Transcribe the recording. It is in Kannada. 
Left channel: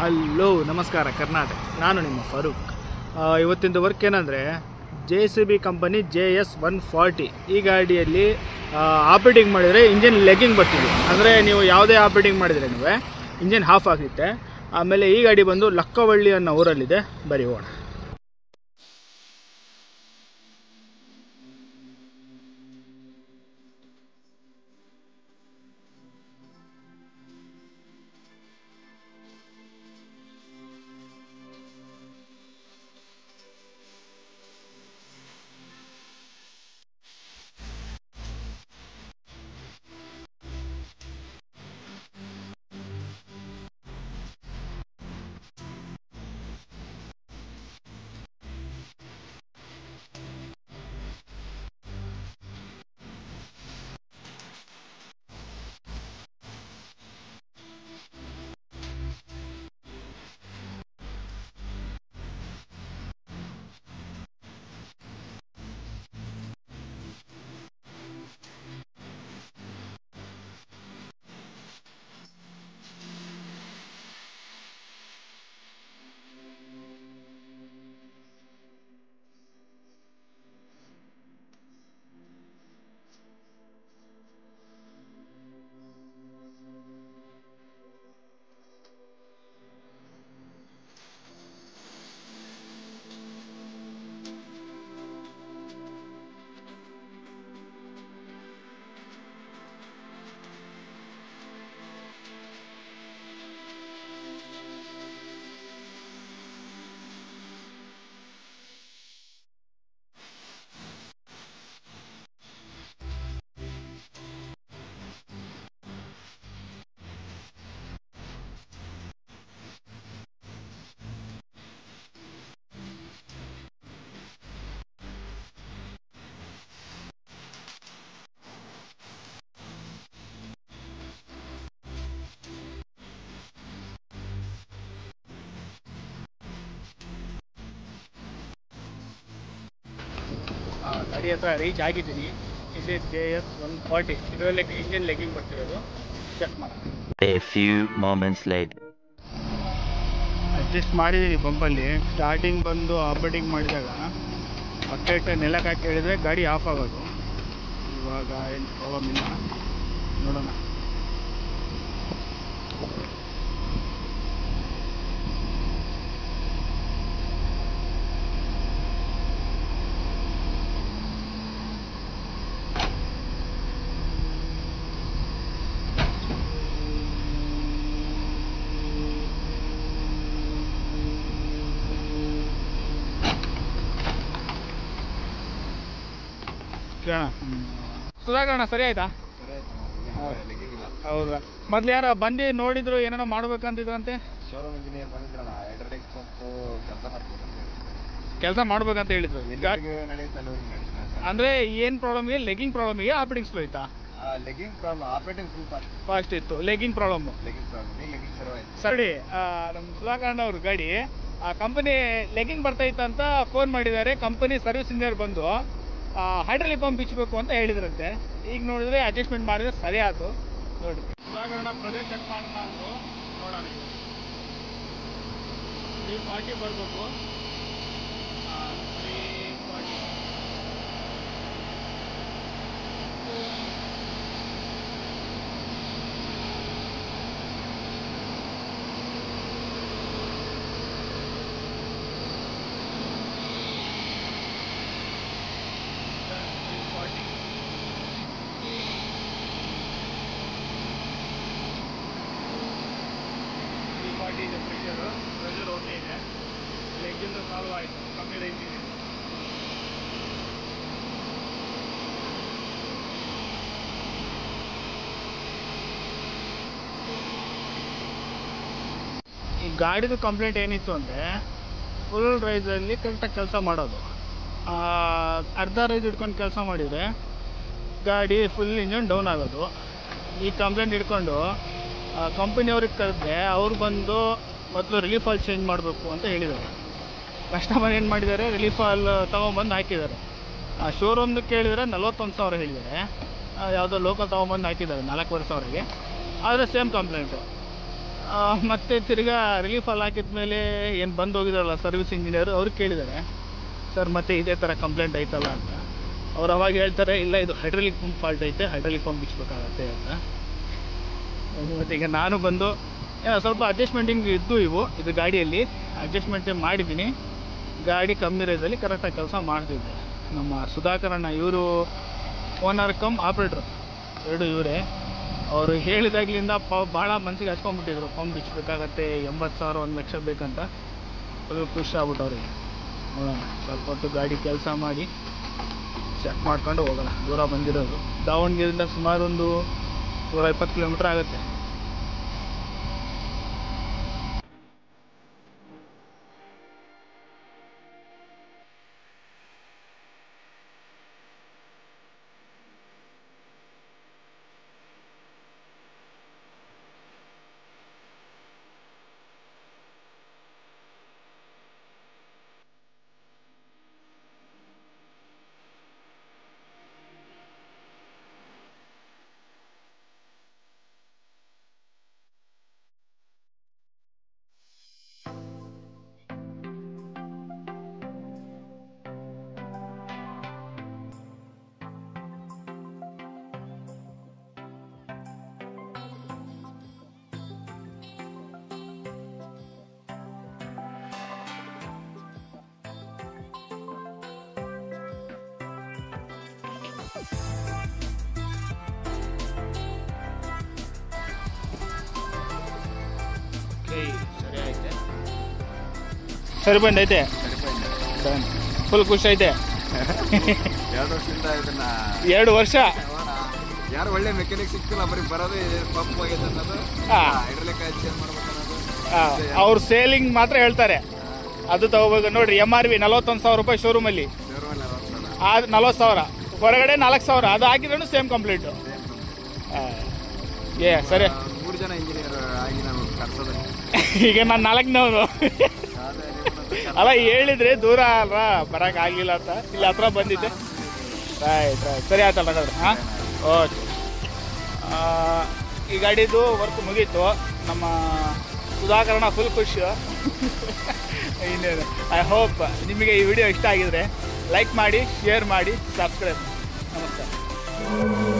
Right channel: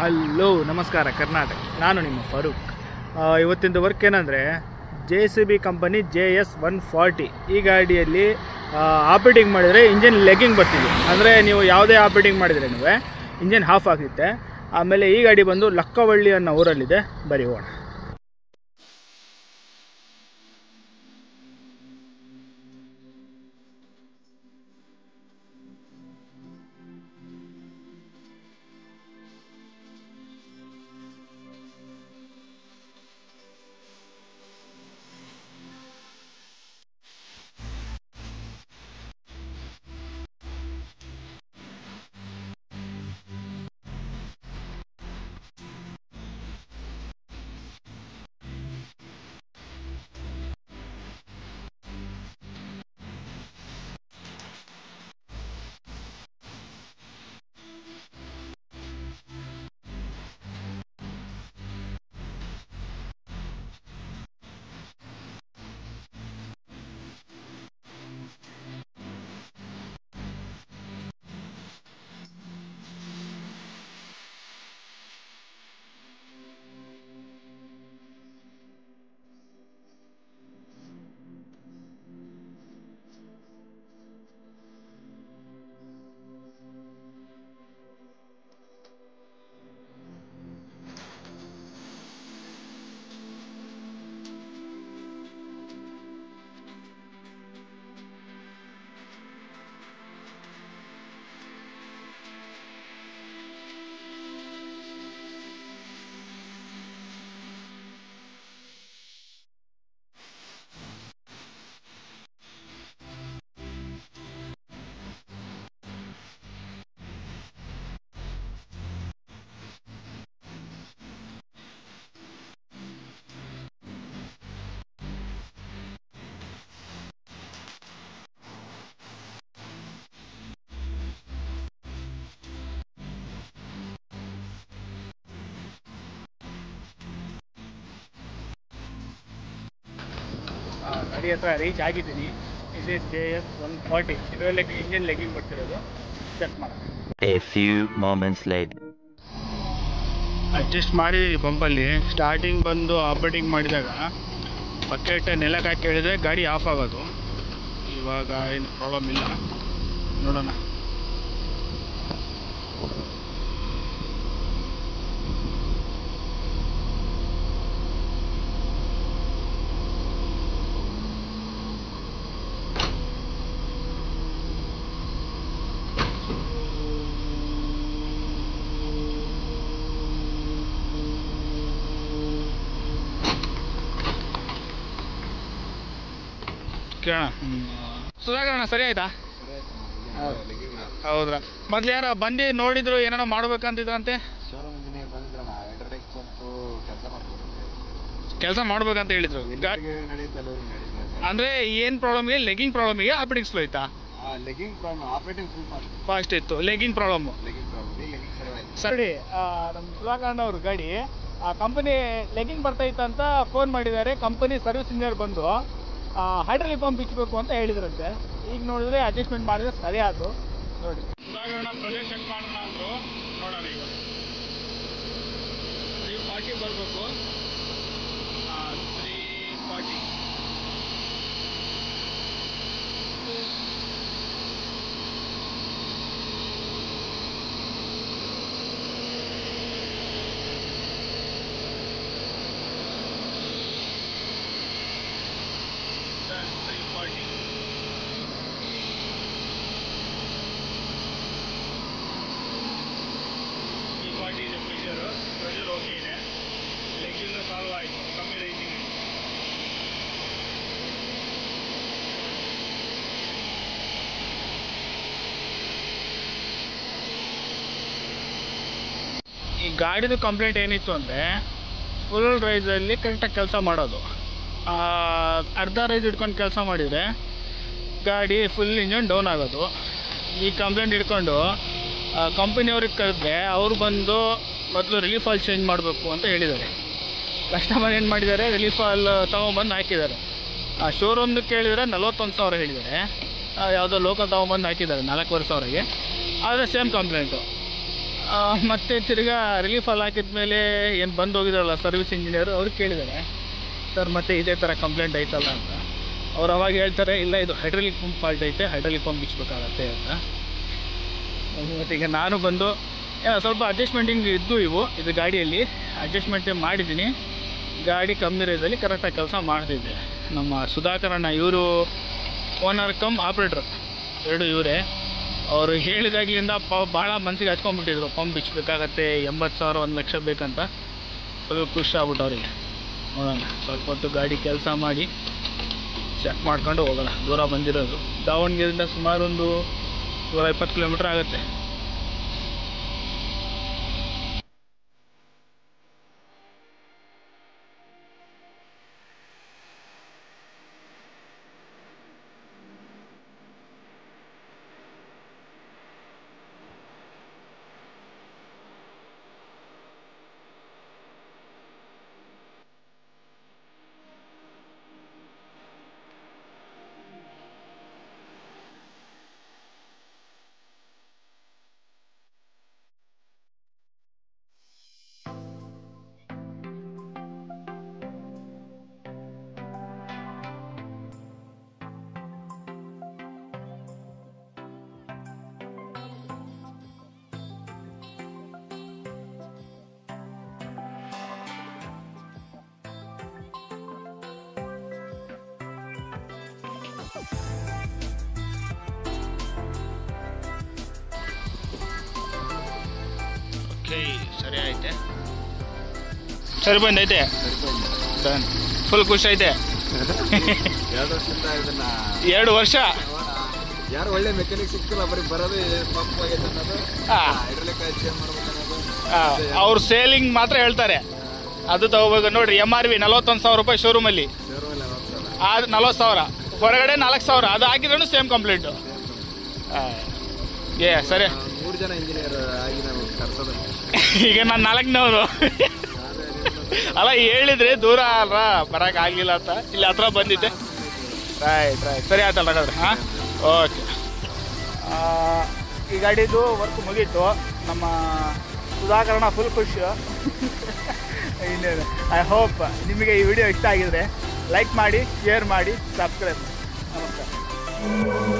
ಹಲೋ ನಮಸ್ಕಾರ ಕರ್ನಾಟಕ, ನಾನು ನಿಮ್ಮ ಫಾರೂಕ್. ಇವತ್ತಿನ ವರ್ಕ್ ಏನಂದರೆ JCB ಕಂಪನಿ JS140 ಈ ಗಾಡಿಯಲ್ಲಿ ಆಪರೇಟಿಂಗ್ ಮಾಡಿದರೆ ಇಂಜಿನ್ ಲೆಗ್ಗಿಂಗ್ ಬರ್ತಿದೆ. ಅಂದರೆ ನೀವು ಯಾವುದೇ ಆಪರೇಟಿಂಗ್ ಮಾಡಿದರೆ ಇಂಜಿನ್ ಹಾಫ್ ಆಗುತ್ತೆ. ಆಮೇಲೆ ಈ ಗಾಡಿ ಬಂದು ಲಕ್ಕವಳ್ಳಿ ಅನ್ನೋ ಊರಲ್ಲಿದೆ. ಬರೀ ಹೋಗೋಣ. ಗಾಡಿ ಹತ್ರ ರೀಚ್ ಆಗಿದ್ದೀನಿ. ಇದು JS140. ಇದರಲ್ಲಿ ಇಂಜಿನ್ ಲೆಗ್ಗಿಂಗ್ ಬರ್ತಿರೋದು. ಚೆಕ್ ಮಾಡೋಣ. A few moments later. Adjust ಮಾಡಿದ್ದೀನಿ ಪಂಪಲ್ಲಿ. ಸ್ಟಾರ್ಟಿಂಗ್ ಬಂದು ಆಪರೇಟಿಂಗ್ ಮಾಡಿದಾಗ ಬಕೆಟ್ ನೆಲಕ್ಕೆ ಹಾಕಿ ಹೇಳಿದ್ರೆ ಗಾಡಿ ಆಫ್ ಆಗೋದು. ಇವಾಗ ಏನು ಪ್ರಾಬ್ಲಮ್ ಇಲ್ಲ, ನೋಡೋಣ. ಸುಧಾಕರಣ ಸರಿ ಆಯ್ತಾ? ಹೌದಾ? ಮೊದ್ಲು ಯಾರೋ ಬಂದು ನೋಡಿದ್ರು, ಏನೇನೋ ಮಾಡ್ಬೇಕಂತಿದ್ರಂತೆ. ಕೆಲಸ ಮಾಡ್ಬೇಕಂತ ಹೇಳಿದ್ರು. ಅಂದ್ರೆ ಏನ್ ಪ್ರಾಬ್ಲಮ್ಗೆ? ಲೆಗ್ಗಿಂಗ್ ಪ್ರಾಬ್ಲಮ್ಗೆ ಆಪರೇಟಿಂಗ್ ಸ್ಲೋ ಇತ್ತಾ? ಫಾಸ್ಟ್ ಇತ್ತು. ಲೆಗ್ಗಿಂಗ್ ಪ್ರಾಬ್ಲಮ್ ಸರಿ. ನಮ್ಮ ಸುಧಾಕರಣ ಅವ್ರ ಗಾಡಿ ಕಂಪನಿ ಲೆಗ್ಗಿಂಗ್ ಬರ್ತಾ ಇತ್ತಂತ ಫೋನ್ ಮಾಡಿದ್ದಾರೆ. ಕಂಪನಿ ಸರ್ವಿಸ್ ಇಂಜಿನಿಯರ್ ಬಂದು ಹೈಡ್ರಾಲಿಕ್ ಪಂಪ್ ಬಿಚ್ಚಬೇಕು ಅಂತ ಹೇಳಿದ್ರಂತೆ. ಈಗ ನೋಡಿದ್ರೆ ಅಡ್ಜಸ್ಟ್ಮೆಂಟ್ ಮಾಡಿದ್ರೆ ಸರಿ ಆಯ್ತು. ನೋಡಿ, ಸುಧಾಕರಣ ಪ್ರೊಜೆಕ್ಟ್ ಚೆಕ್ ಮಾಡೋಣ ಅಂದರು. ನೋಡೋಣ. ಈಗ 340 ಬರಬೇಕು. 340 ಇದೆ. ಪ್ರೆಷರ್ ಓಕೆ ಇದೆ. ಲೆಗ್ಗಿಂದ ಸಾಲ್ವ್ ಆಯಿತು. ಕಮ್ಮಿ ರೈಟಿಂಗ್. ಈ ಗಾಡಿದು ಕಂಪ್ಲೇಂಟ್ ಏನಿತ್ತು ಅಂದರೆ, ಫುಲ್ ರೈಸಲ್ಲಿ ಕರೆಕ್ಟಾಗಿ ಕೆಲಸ ಮಾಡೋದು. ಅರ್ಧ ರೈಸ್ ಇಟ್ಕೊಂಡು ಕೆಲಸ ಮಾಡಿದರೆ ಗಾಡಿ ಫುಲ್ ಇಂಜನ್ ಡೌನ್ ಆಗೋದು. ಈ ಕಂಪ್ಲೇಂಟ್ ಇಟ್ಕೊಂಡು ಕಂಪನಿಯವ್ರಿಗೆ ಕರೆದ್ರೆ ಅವ್ರು ಬಂದು ಮೊದಲು ರಿಲೀಫ್ ಆಯಿಲ್ ಚೇಂಜ್ ಮಾಡಬೇಕು ಅಂತ ಹೇಳಿದ್ದಾರೆ. ಕಸ್ಟಮರ್ ಏನು ಮಾಡಿದ್ದಾರೆ, ರಿಲೀಫ್ ಆಯಿಲ್ ತೊಗೊಂಬಂದು ಹಾಕಿದ್ದಾರೆ. ಶೋರೂಮ್ದು ಕೇಳಿದರೆ 41,000 ಹೇಳಿದ್ದಾರೆ. ಯಾವುದೋ ಲೋಕಲ್ ತೊಗೊಂಬಂದು ಹಾಕಿದ್ದಾರೆ 4,500ಗೆ. ಆದರೆ ಸೇಮ್ ಕಂಪ್ಲೇಂಟು. ಮತ್ತು ತಿರ್ಗಾ ರಿಲೀಫ್ ಅಲ್ಲಿ ಹಾಕಿದ ಮೇಲೆ ಏನು ಬಂದು ಹೋಗಿದಾರಲ್ಲ ಸರ್ವಿಸ್ ಇಂಜಿನಿಯರು ಅವ್ರು ಕೇಳಿದ್ದಾರೆ, ಸರ್ ಮತ್ತೆ ಇದೇ ಥರ ಕಂಪ್ಲೇಂಟ್ ಐತಲ್ಲ ಅಂತ. ಅವ್ರು ಅವಾಗ ಹೇಳ್ತಾರೆ, ಇಲ್ಲ ಇದು ಹೈಡ್ರಾಲಿಕ್ ಪಂಪ್ ಫಾಲ್ಟ್ ಐತೆ, ಹೈಡ್ರಾಲಿಕ್ ಪಂಪ್ ಬಿಚ್ಚಬೇಕಾಗತ್ತೆ ಅಂತ. ಮತ್ತು ಈಗ ನಾನು ಬಂದು ಸ್ವಲ್ಪ ಅಡ್ಜಸ್ಟ್ಮೆಂಟಿಂಗ್ ಇದ್ದು ಇದು ಗಾಡಿಯಲ್ಲಿ ಅಡ್ಜಸ್ಟ್ಮೆಂಟ್ ಮಾಡಿದ್ದೀನಿ. ಗಾಡಿ ಕಮ್ಮಿ ರೇಟಲ್ಲಿ ಕರೆಕ್ಟಾಗಿ ಕೆಲಸ ಮಾಡ್ತಿದ್ದೆ. ನಮ್ಮ ಸುಧಾಕರಣ್ಣ ಇವರು ಓನರ್ ಕಮ್ ಆಪ್ರೇಟ್ರು, ಎರಡು ಇವರೇ. ಅವರು ಹೇಳಿದಾಗಲಿಂದ ಭಾಳ ಮನಸ್ಸಿಗೆ ಹಚ್ಕೊಂಡ್ಬಿಟ್ಟಿದ್ರು, ಪಂಪ್ ಬಿಚ್ಚಬೇಕಾಗತ್ತೆ, 80,000 1 ಲಕ್ಷ ಬೇಕಂತ. ಫುಲ್ ಖುಷಿ ಆಗ್ಬಿಟ್ಟು ಅವರಿಗೆ. ನೋಡೋಣ, ಸ್ವಲ್ಪ ಹೊತ್ತು ಗಾಡಿ ಕೆಲಸ ಮಾಡಿ ಚೆಕ್ ಮಾಡ್ಕೊಂಡು ಹೋಗೋಣ. ದೂರ ಬಂದಿರೋದು ದಾವಣಗೆರೆಯಿಂದ ಸುಮಾರು ಒಂದು 120 ಕಿಲೋಮೀಟ್ರ್ ಆಗುತ್ತೆ. ಸರಿ ಐತೆ, ಸರಿ ಬಂದೈತೆ, ಡನ್. ಫುಲ್ ಖುಷಿ ಐತೆ. 2 ವರ್ಷ ಯಾರು ಒಳ್ಳೆ ಮೆಕ್ಯಾನಿಕ್ ಸಿಕ್ತಿಲ್ಲ, ಬರೀ ಬರೋದು ಪಂಪ್ ಆಗೈತೆ ಅನ್ನೋದು, ಹೈಡ್ರಾಲಿಕ್ ಚೇಂಜ್ ಮಾಡ್ಬೇಕು ಅನ್ನೋದು. ಅವ್ರು ಸೇಲಿಂಗ್ ಮಾತ್ರ ಹೇಳ್ತಾರೆ, ಅದು ತಗೋಬೇಕು. ನೋಡ್ರಿ MRV 41,000 ರೂಪಾಯಿ ಶೋರೂಮಲ್ಲಿ, ಅದು 40,000 ಹೊರಗಡೆ 4,000. ಅದು ಹಾಕಿದ್ರೂ ಸೇಮ್ ಕಂಪ್ಲೀಟು. ಸರಿ, 3 ಜನ ಇಂಜಿನಿಯರ್ ಆಗಿ ನಾವು ಕರ್ಸೋದು. ಈಗ ನಾನು 4ನವನು ಅಲ್ಲ, ಹೇಳಿದ್ರೆ ದೂರ ಅಲ್ವ, ಬರಕ್ ಆಗಿಲ್ಲ ಅಂತ ಇಲ್ಲಿ ಹತ್ರ ಬಂದಿದ್ದೆ. ರೈಟ್ ಸರಿ ಆಯ್ತಲ್ಲ ಹಾಗಾದ್ರೆ. ಹಾಂ, ಓಕೆ. ಈ ಗಾಡಿದು ವರ್ಕ್ ಮುಗೀತು. ನಮ್ಮ ಸುಧಾಕರಣ ಫುಲ್ ಖುಷಿ. ಇನ್ನೇನು, ಐ ಹೋಪ್ ನಿಮಗೆ ಈ ವಿಡಿಯೋ ಇಷ್ಟ ಆಗಿದ್ರೆ ಲೈಕ್ ಮಾಡಿ, ಶೇರ್ ಮಾಡಿ, ಸಬ್ಸ್ಕ್ರೈಬ್ ಮಾಡಿ. ನಮಸ್ಕಾರ.